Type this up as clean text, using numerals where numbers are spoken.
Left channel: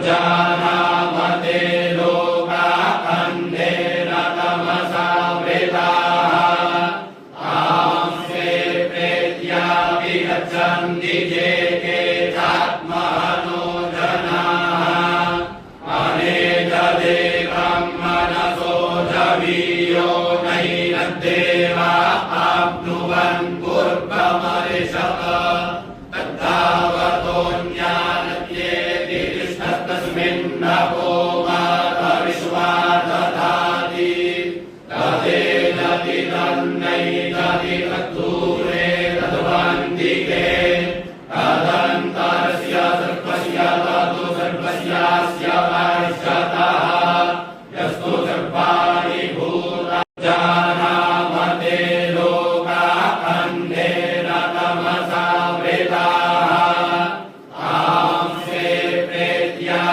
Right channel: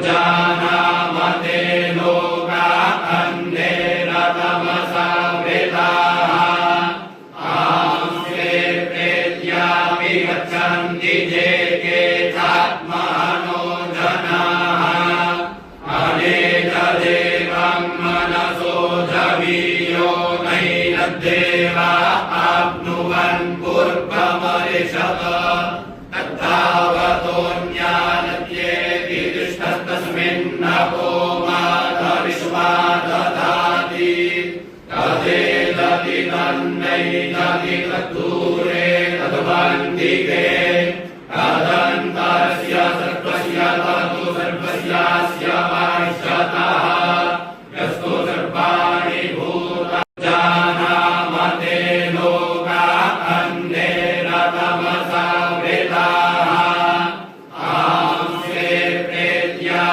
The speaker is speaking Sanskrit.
जानामते लोका अन्धेन तमसा वृताः आंस्ते प्रेत्यापि गच्छन्ति ये केचात्मनो जनाः अनेकदेवं मनसो जवीयो नैनद्देवा आप्नुवन् पूर्वमरिषत तद्धावतोऽन्यानद्येति तस्मिन्नपो मातरिष्वादधाति तदेदति तन्नैदति तद्धूरे तद्वन्दिके तदन्तरस्य सर्वस्य ततु सर्वस्यास्य